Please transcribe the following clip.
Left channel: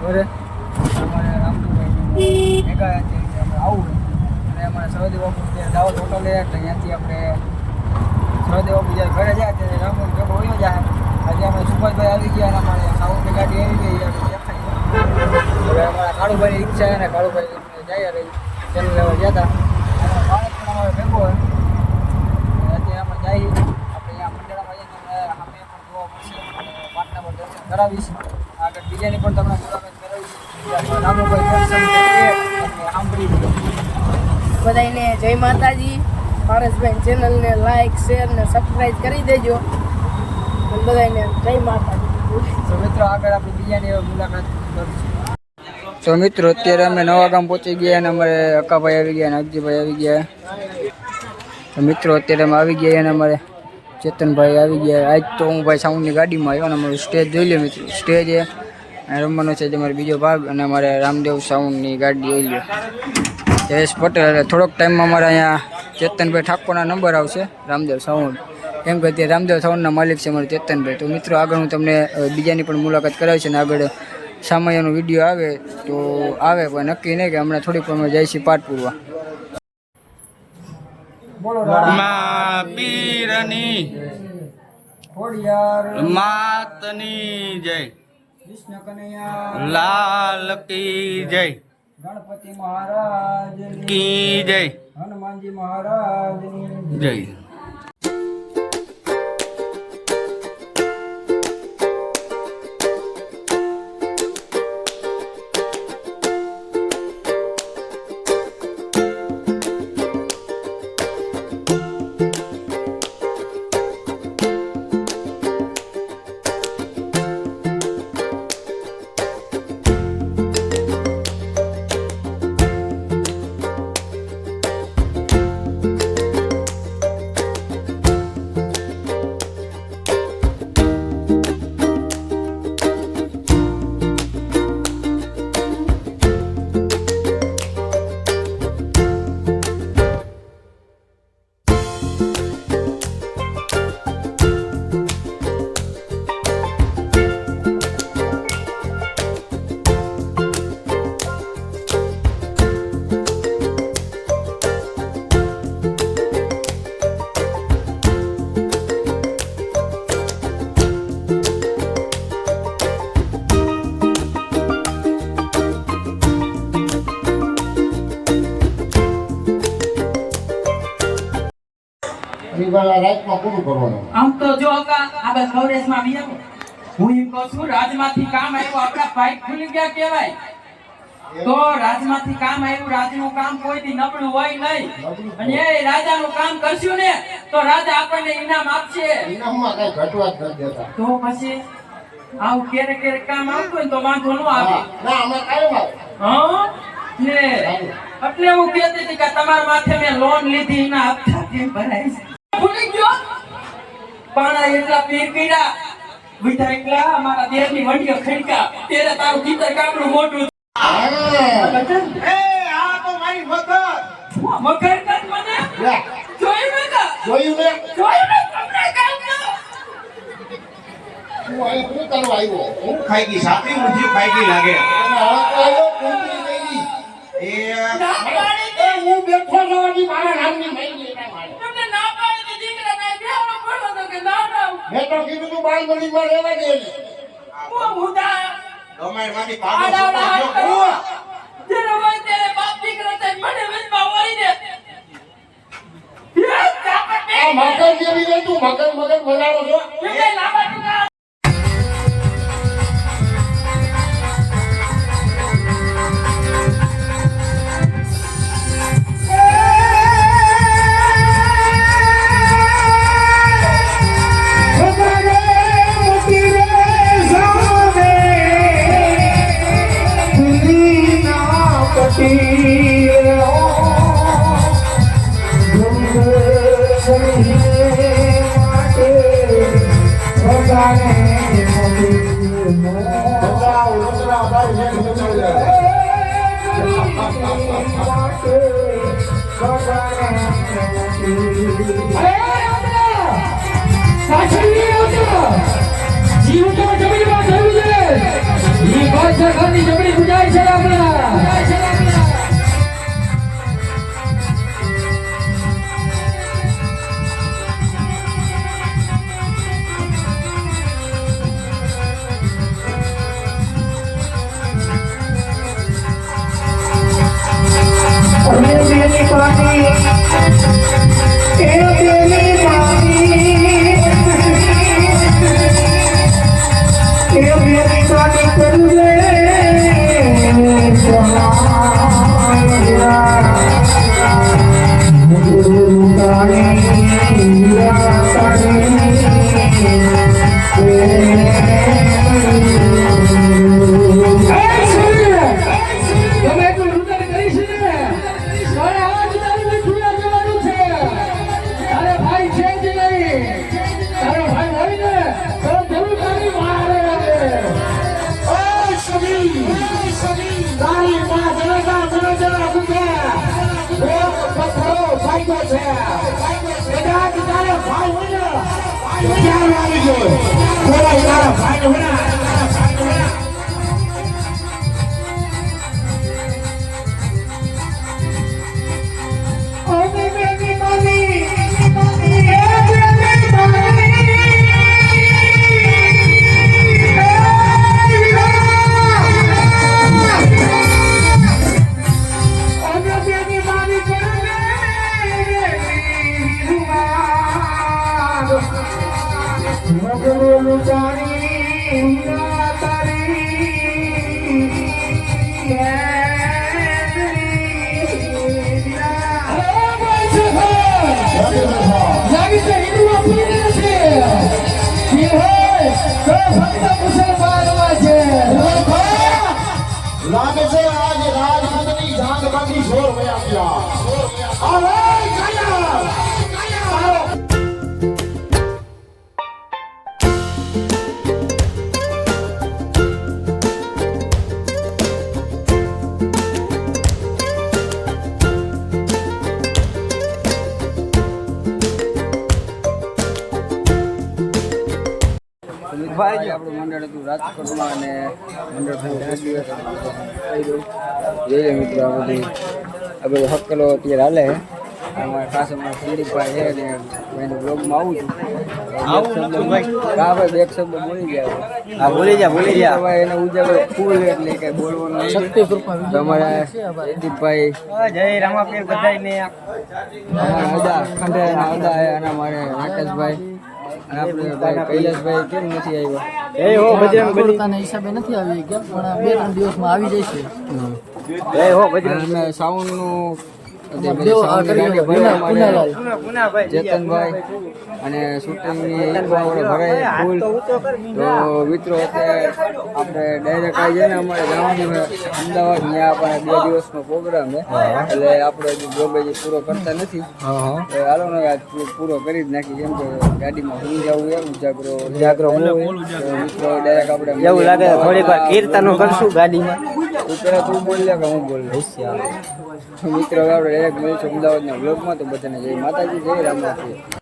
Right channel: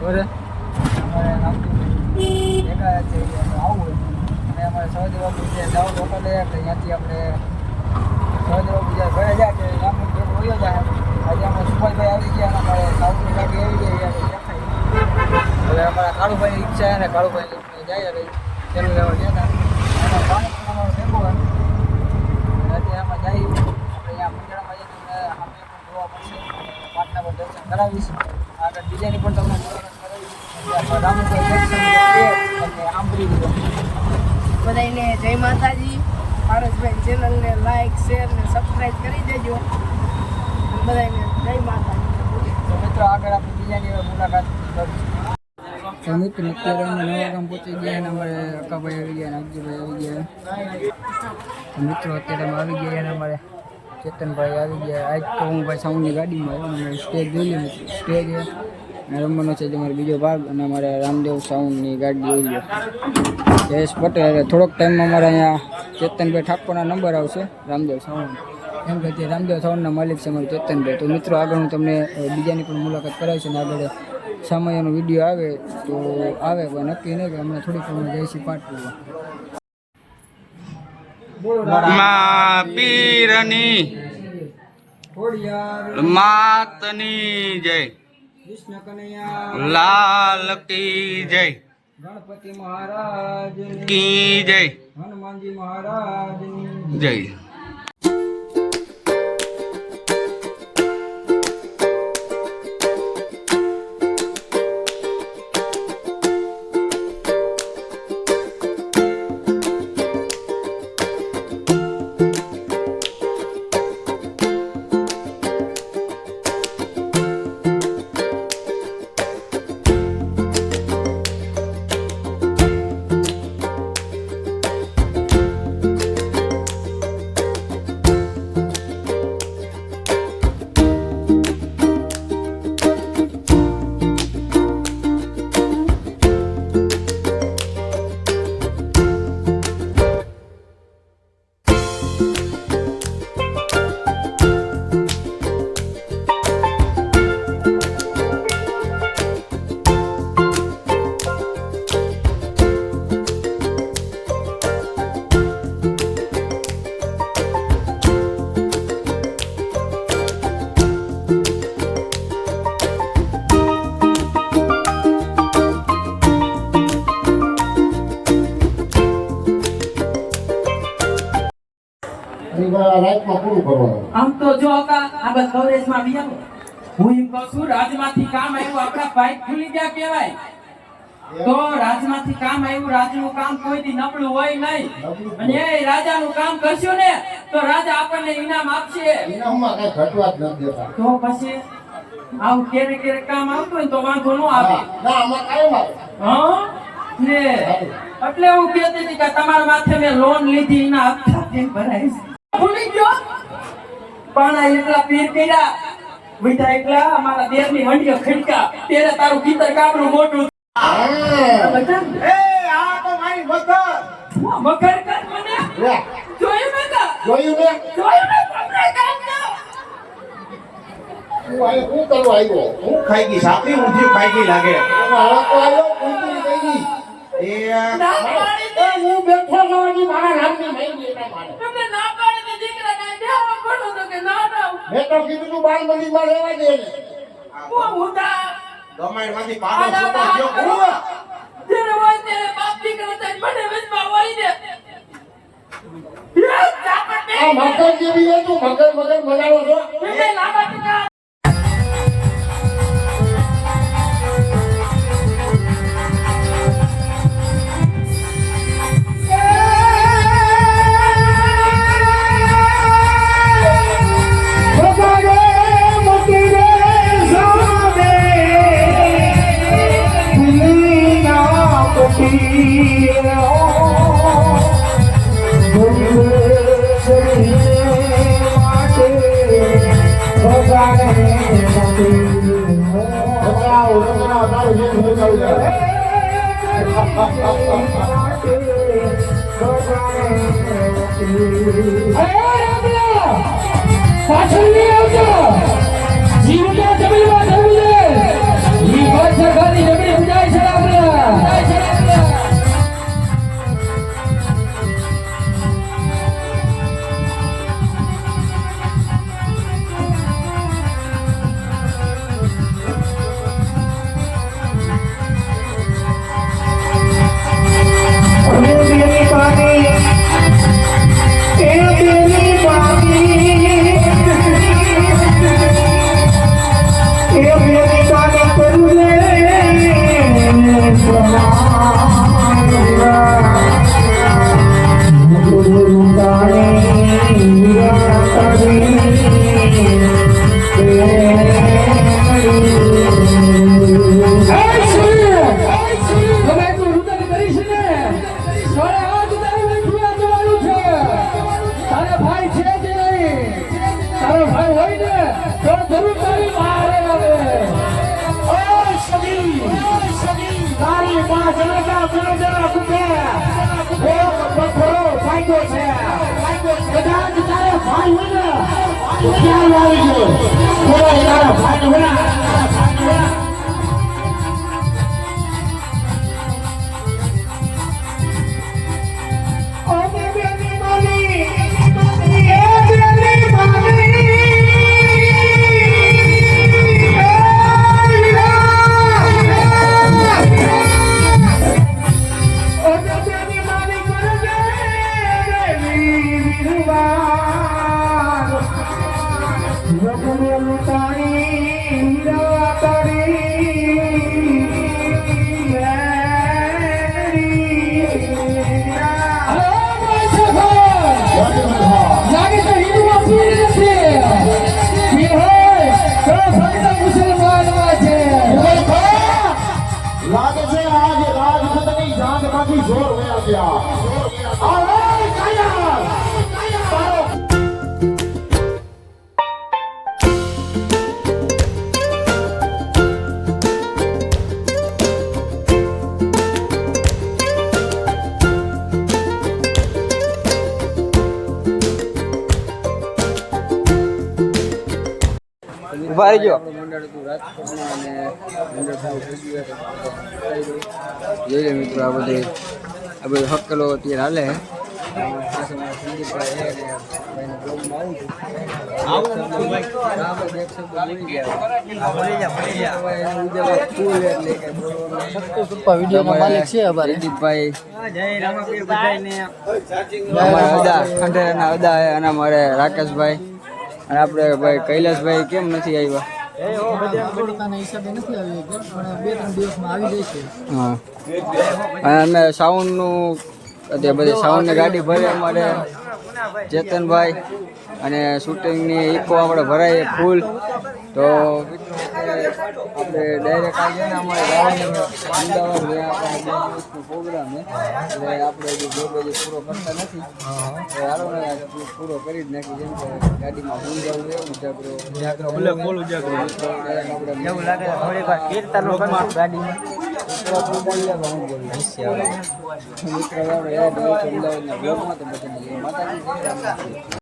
ઘરે અમારે રામદેવભાઈ ભેગા છે કે અમે આવવું અને અમારે સહદેવ બાપુ જે દાવત હોટલે એટલે ત્યાંથી આપણે સહદેવ બાપુ જ્યારે ઘરે જાય ત્યારે રામદેવ ભેગો હોયો જાય. આજે અમે સુભાષભાઈ આવી ગયા અને અમારે સાઉન્ડની ગાડી આવી ગઈ એટલે દેખાય. હવે અમારા કાળુભાઈની ઈચ્છા છે ને કાળુભાઈ જાય એટલે પેલું લેવા ગયા હતા અને પાણી પણ અમારે ભેગો હોય અત્યારે અમે જઈએ આપણે અહીંયા મંડળમાં જઈએ તમને સામે પણ જોવા મળશે પાટના પર દર્શન કરાવીશ. આગળ બીજાની પણ તમને મુલાકાત કરાવીશ. રામુભાઈ દર્શન છે તમને સાંભળી દીધો. બધાને જય માતાજી. પારસભાઈ ચેનલને લાઈક શેર ને સબસ્ક્રાઈબ કરી દેજો. બધાને જય માતાજી. તો મિત્રો આગળ આપણે બીજાની મુલાકાત કરીશું. તો મિત્રો અત્યારે અમે નવા ગામ પહોંચી ગયા અને અમારે અક્કાભાઈ આવી ગયા અને અગજીભાઈ આવી ગયા. તો મિત્રો અત્યારે અમે આવી ગયા અને અમારે ચેતનભાઈ આવી ગયા. આજ તો હું ભાઈ સાઉન્ડની ગાડીમાં આવ્યો અને અમારું સ્ટેજ જોઈ લો મિત્રો. સ્ટેજ એ રમવાનો છે અમારો બીજો ભાગ અને અમારે રામદેવ સાઉન્ડની ગાડી જોઈ લો. જયેશ પટેલ. થોડોક ટાઈમમાં અમારે અહીંયા ચેતનભાઈ ઠાકોરના નંબર આવશે રામદેવ સાઉન્ડ. કેમ કે અત્યારે રામદેવ સાઉન્ડના માલિક છે અમારે ચેતનભાઈ. તો મિત્રો આગળ હું તમને બીજાની પણ મુલાકાત કરાવીશ અને આગળ સામાયનો વિડીયો આવે તો આવે પણ નક્કી નહીં કે હમણાં થોડીક અમે જઈશું પાઠ પૂરવા. મા પીરની માતની જય, કૃષ્ણ કનૈયા લાલ કી જય, ગણપતિ મહારાજ કી જય, હનુમાનજી મહારાજ જય. આમ તો જો આ બસ કવરેજમાં આવી આવો. હું એમ કહું છું રાજમાંથી કામ આવ્યું આપણા પાઇપ ખુલી ગયા કહેવાય. તો રાજમાંથી કામ આવ્યું. રાજનું કામ કોઈથી નબળું હોય નહીં અને એ રાજાનું કામ કરશું ને તો રાજા આપણને ઇનામ આપશે. ઇનામમાં કઈ ઘટવા જ નથી દેતા. તો પછી આવું ક્યારેક ક્યારેક કામ આવતું હોય તો વાંધો ન આવે. ના અમે કાયમ આવે. હા ને એટલે હું કહેતી હતી કે તમારા માથે મેં લોન લીધી એના હપ્તા કેમ ભરાય ભૂલી ગયો. પાણા એટલા પીર કર્યા વિધા એટલા અમારા દેશની વંડીઓ ખડકા ત્યારે તારું કીતર કામનું મોટું. એ આ તો મારી મગર. મગર કર મને જોયું મેં જોયું ને જોયું મેં તમને કામ ના હું અહીં શું કરવા આવ્યો? હું ખાઈ ગઈ સાપી ઊંધી ખાઈ ગઈ લાગે. એનો હળકો આવ્યો કુંતરી કરી. એ હું બેઠો નોની મારા નામની મહિની એટલે મારે. તમને ના પાડી દીકરા ના બેહનો પડો તો કે ના ના મેં તો કીધું તું બાળ મંદિરમાં રહેવા દે ને. હું ઉદા ગમાઈમાંથી પાડો સુપર ગયો કુવા. જેને હોય તેને બાપ દીકરા થાય મને વિજમાં વળી દે. આ મગર જેવી હોય તું મગર બનાવો છો. એ લાંબા ટૂંકા જીવતા જમીનમાં થયું છે. ઈ વર્ષ ઘરની લાગે છે આજે રાજપથની જાગમાંથી જોર વયા ગયા. આવો કાયા આપણું મંડળ હતું રાજકોટમાં અને મંડળ પૂરું થઈ ગયું કહી દઉં. જોઈ લે મિત્રો, આ બધો હક્કલો અત્યારે હાલે છે. ખાસ અમારા સંદીપભાઈ છે ને ભાઈના બ્લોગમાં આવું છું. હા ભાઈ, બે શબ્દ બોલી ગયા. ભૂલી જા ભાઈ, એને ઉજાગરો ફૂલ એટલે કઈ બોલવાનો તમારા સંદીપભાઈ જય રામાપીર બધાને, અમારા અદા ખંડેરાના અદા છે અને અમારે રાકેશભાઈ અને આપણે ભાઈ કૈલાસભાઈ કેમ નથી આવ્યા? થોડુંકાના હિસાબે નથી આવી ગયા, પણ 2-3 દિવસમાં આવી જશે. હા, અને અમે સાઉન્ડનું બધી સાઉન્ડની ગાડી ભરે અમારે ચેતનભાઈ અને શૂટિંગની ઇકો આપણે ભરાય ફૂલ. તો મિત્રો અત્યારે આપણે ડાયરેક્ટ આવી જાય ને અમારે જવાનું છે અમદાવાદ. ત્યાં આપણે 2 દિવસનો પ્રોગ્રામ છે એટલે આપણે હજી જોબ હજી પૂરો કરતા નથી. તો હાલો ને આજ પૂરો કરી જ નાખી, કેમ કે ગાડીમાં હું જવું એ ઉજાગરો મિત્રો ડાયરેક્ટ આપણે એવું લાગે કીર્તન ગાડીમાં પેલા તું બોલ્યા કે હું બોલ્યો મિત્રો. આપણે એક મળીશું અમદાવાદના બ્લોગમાં. તો બધાને જય માતાજી, જય રામાપીર.